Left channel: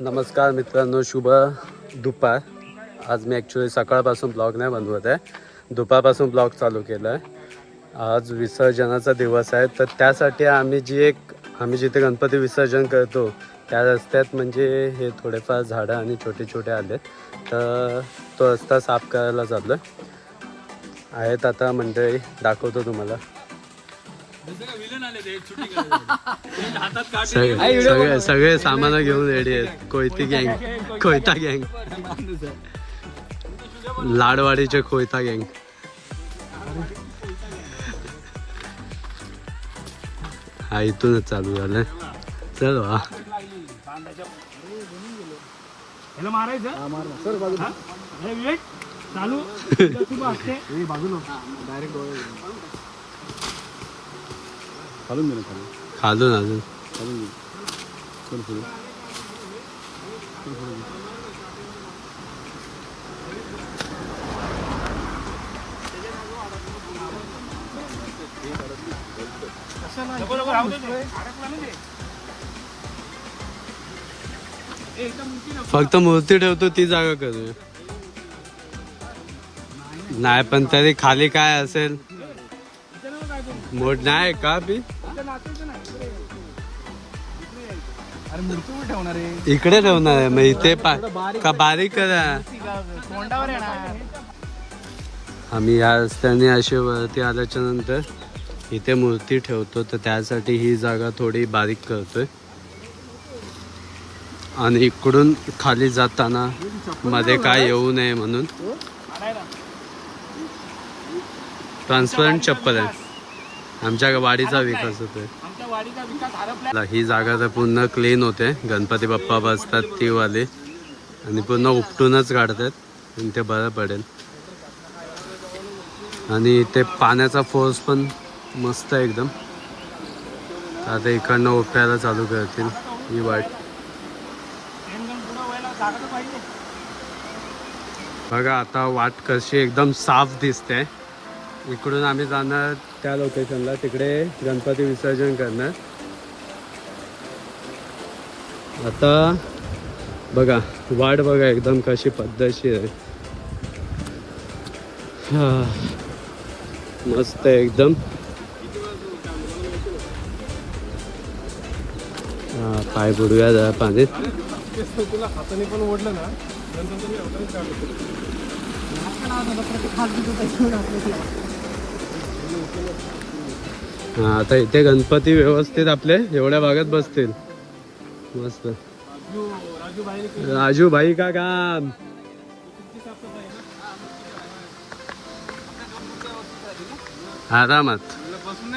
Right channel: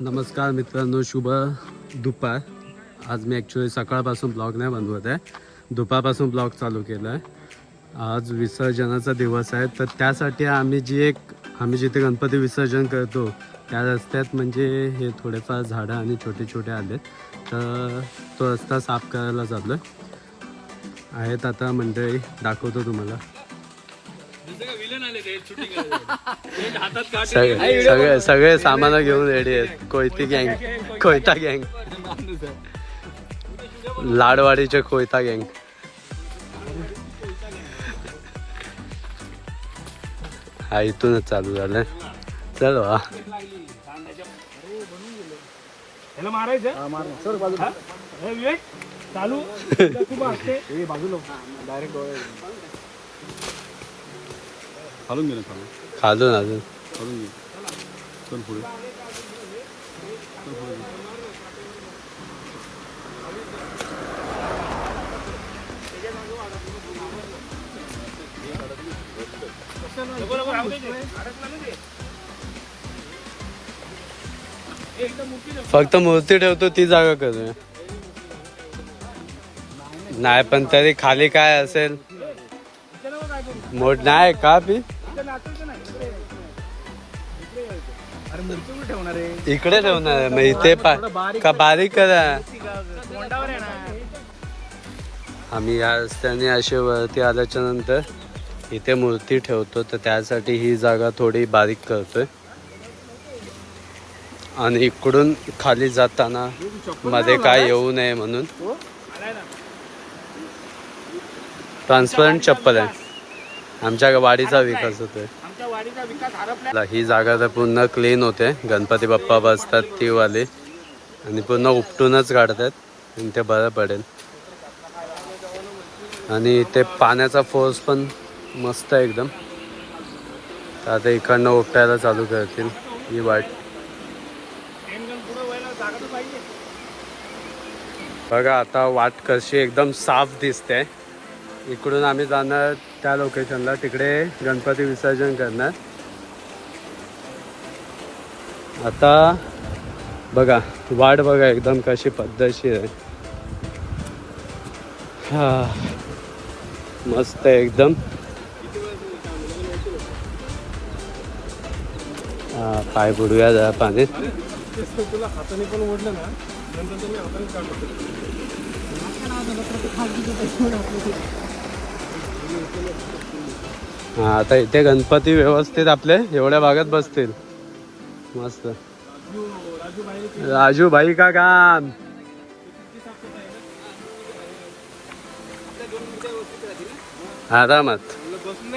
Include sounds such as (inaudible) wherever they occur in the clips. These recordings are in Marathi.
नमस्कार मित्रांनो शुभ दुपार. आज मी ॲक्च्युली सकाळपासून ब्लॉग नाही बनवत आहे. दुपारपासून ब्लॉग चालू केला आहे आज विसर्जनाचा दिवस आहे. तर त्यासाठी आम्ही जी एक आम्ही जिथे गणपती विसर्जन करतो त्या रस्त्यात म्हणजे हे थोडेफार झाडं आणि छोटे छोटे आले. तर तो रस्ता साफ करायला चाललो आहेत आता मंडळी दाखवतो तुम्हाला. सगळे सगळे सगळे सामान घेऊन रेडी आहेत. कोयती गँग कोयता गँग लाडवाडीचे कोयता गँग हा इथूनच चालू झालं. चल वा. (laughs) चालू शुभ असते खालून अजून. फक्त मूर्ती ठेवतो ती जागा करूया. नाही पण तरी खाली काय असेल? मोठ नाही का बी? इकडे ठेवणार आहे मग इथे पा का बारीक करा आम्ही या रस्त्याने असे वरती आल्याच्यानंतर इथे मूर्ती ठेवतो तर त्यासाठी ही जागा थोडी बारीक करतोय. आणि इकडून खाली जाताना मध्ये काय येऊ नये म्हणून. ट्रान्सपरंट चप्पल आहे. आमच्या वाडीचा विकास होतोय. आमच्या वाडीचा विकास हरपला ही जागा तर पूर्ण क्लीन होते. गणपती बाप्पा बसतात ती वाली आणि पूर्ण उपटूनच काढतात. आणि ते बरं पडेल. आणि इथे पाण्याचा फोर्स पण मस्त आहे एकदम. आता इकडनं उपटायला चालू करतील ही वाट. बघा आता वाट कशी एकदम साफ दिसते. इकडून आम्ही जाणार त्या लोकेशनला तिकडे गणपती विसर्जन करणार. आता बघा वाट बघा एकदम कशी पद्धतशीर आहे. हा. मस्त आहे एकदम. हा पाय बुडूया जरा पाणी तुला हाताने पण ओढलं ना. नंतर तुम्ही हा आता इथे गणपती व्यवस्थित आपले एवढ्या भागात बसतील. मस्त. राजू भाई का काम? आरामात बसून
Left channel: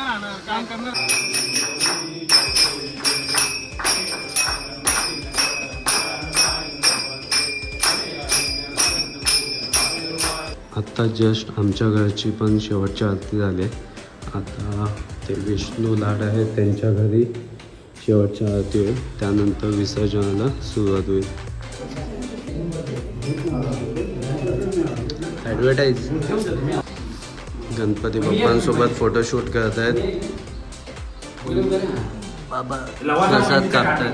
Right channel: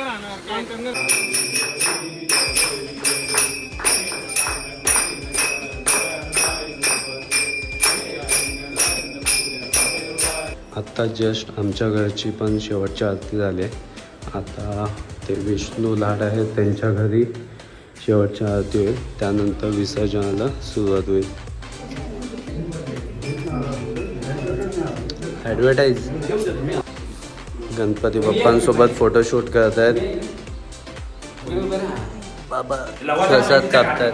आत्ता जस्ट आमच्या घरची पण शेवटची आरती झाली. आहे. आता ते विष्णू लाड आहेत त्यांच्या घरी शेवटची आरती होईल. त्यानंतर विसर्जनाला सुरुवात होईल. ॲडव्हर्टाईज गणपती बाप्पांसोबत फोटोशूट करत आहेत बाबा प्रसाद कापतायत.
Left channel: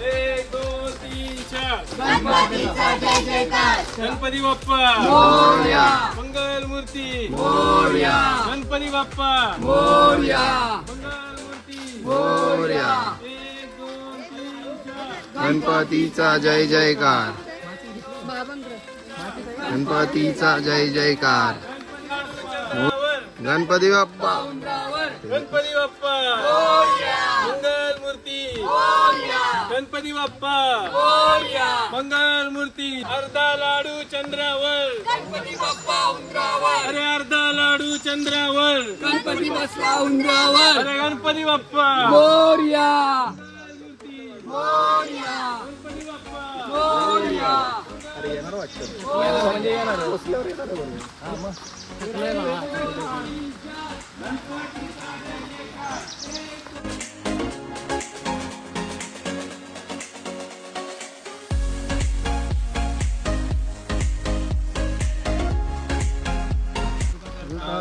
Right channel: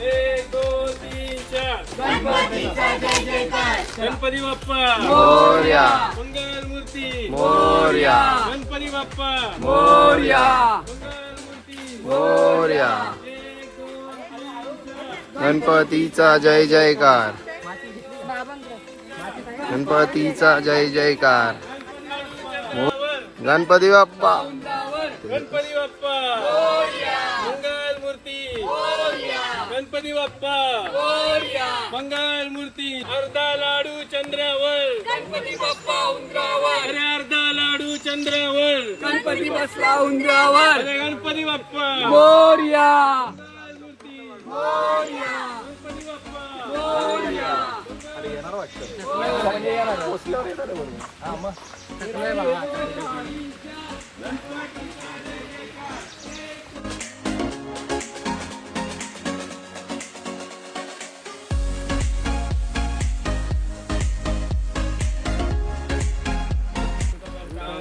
हे. गणपती बाप्पा. मंगल मूर्ती. गणपती बाप्पा. मंगल मूर्ती. एक दोन तीन चार. गणपतीचा जय जयकार. गणपतीचा जय जयकार. गणपती बाप्पा. गणपती बाप्पा. गणपती बाप्पा. मंगल मूर्ती अर्धा लाडू चंद्रावर. गणपती बाप्पा उंदरावर. अरे अर्धा लाडू चंद्रावर. गणपती बसला उंदरावर. अरे गणपती बाप्पा. मोर्या मूर्ती. गणपती बाप्पा.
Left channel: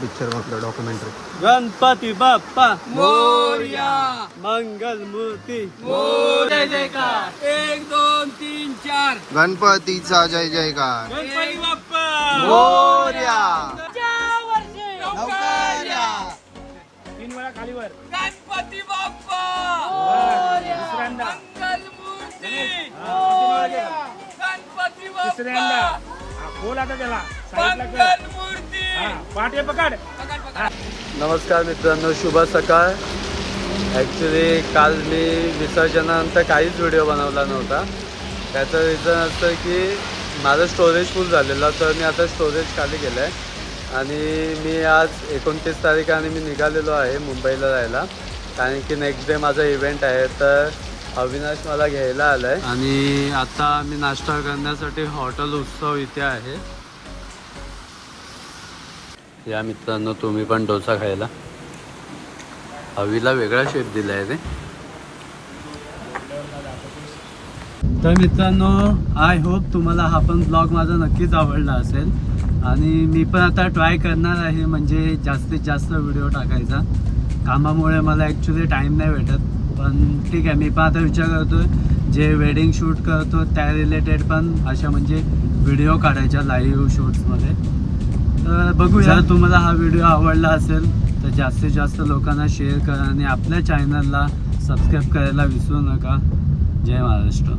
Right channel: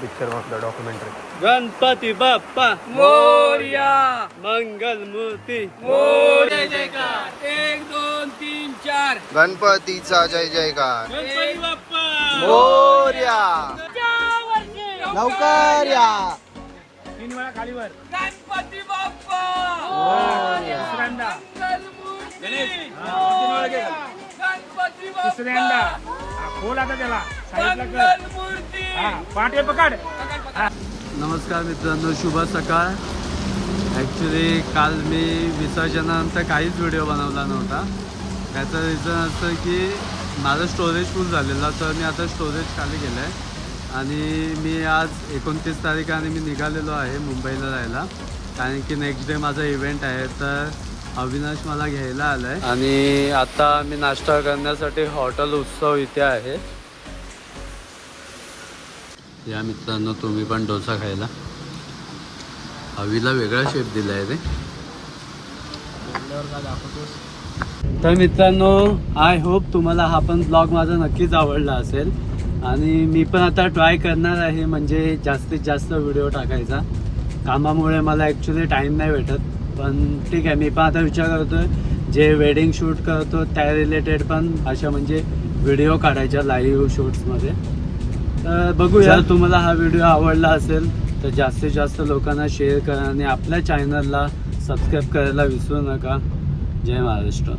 पिक्चर म्हटलं डॉक्युमेंटरी गणपती बाप्पा. मोर्या. मंगल मूर्ती एक दोन तीन चार. गणपतीचा जय जयकार. गणपती बाप्पा. मोर्या. लवकर या. तीन वेळा खाली वर. गणपती तिसऱ्यांदा बाप्पा बोल आता त्याला. सांगितलं कर. मूर्ती पाठी पकड. नमस्कार मित्रांनो शुभ सकाळ. ॲक्च्युली काल मी विसर्जनानंतर काहीच व्हिडिओ बनवला नव्हता. त्याचं रिझन असं की माझं स्टोरेज फुल झालेलं तर मी आता स्टोरेज खाली केलं आहे आणि मी आज एकोणतीस तारीख आणि मी निघालेलो आहे मुंबईला जायला कारण की नेक्स्ट डे माझा इव्हेंट आहे तर अविनाश मला घ्यायला आलाय. आहे आणि आता मी नाश्ता करण्यासाठी हॉटेल उत्सव इथे आहे. या मित्रांनो तुम्ही पण डोसा खायला. हवीला वेगळा शेप दिला आहे रे. तर मित्रांनो आय होप तुम्हाला हा पण ब्लॉग माझा नक्कीच आवडला असेल. आणि मी पण आता ट्राय करणार आहे म्हणजे जास्तीत जास्त व्हिडिओ टाकायचा. कामामुळे मला ॲक्च्युली टाईम नाही भेटत. पण ठीक आहे मी पण आता विचार करतोय जे वेडिंग शूट करतो त्या रिलेटेड पण अशा म्हणजे व्हिडिओ काढायच्या लाईव्ह शूट्समध्ये तर बघूया. तुम्हाला हा व्हिडिओ आवडला असेल तर जास्तीत जास्त लोकांना शेअर करा आणि आपल्या चॅनलला सबस्क्राईब करायला विसरू नका. जय महाराष्ट्र.